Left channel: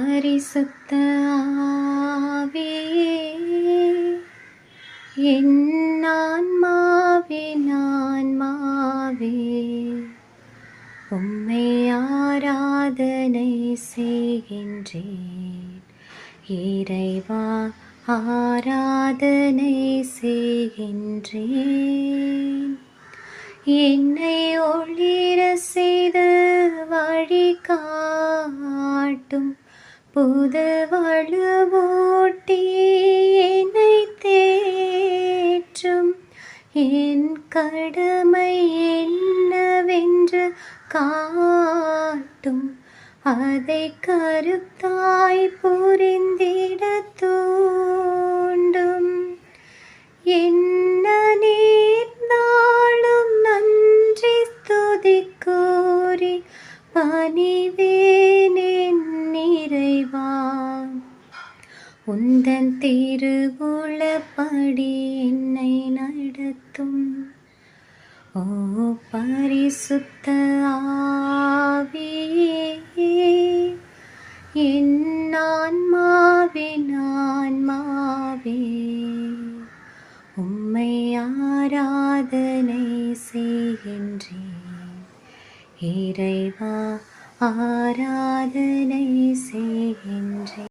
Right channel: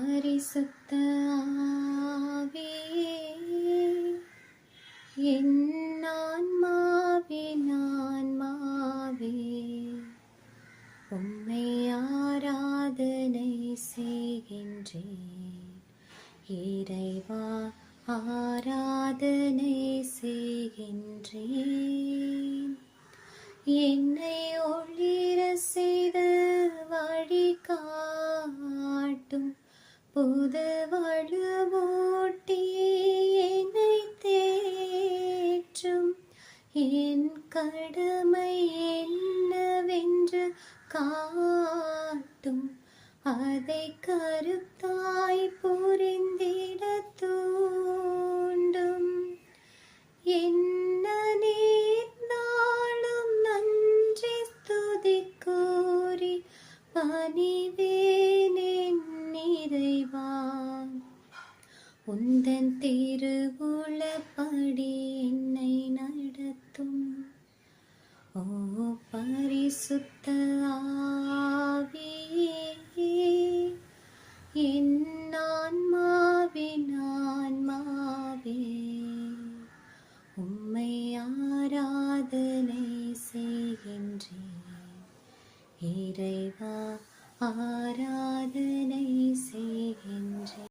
பரிசுத்த ஆவியே, என் ஆன்மாவே உம்மை ஆராதனை செய்கின்றேன். இறைவா, ஆராதனை செய்கின்றேன். என்னை ஒளிர செய்து வழி காட்டும் புது வலுவூட்டி என்னை தேற்றும். என் கடமை என்னவென்று காட்டும், அதை கருத்தாய் புரிந்திட தூண்டும். என்ன நேர்ந்தாலும் நன்றி ஸ்துதி கூறி பணிவேன் என் இறைவா. உந்தன் திருவுளப்படி என்னை நடத்தும். ஓ பரிசுத்த ஆவியே, என் ஆன்மாவே உம்மை ஆராதனை செய்கின்றேன். இறைவா, ஆராதனை செய்கின்றேன்.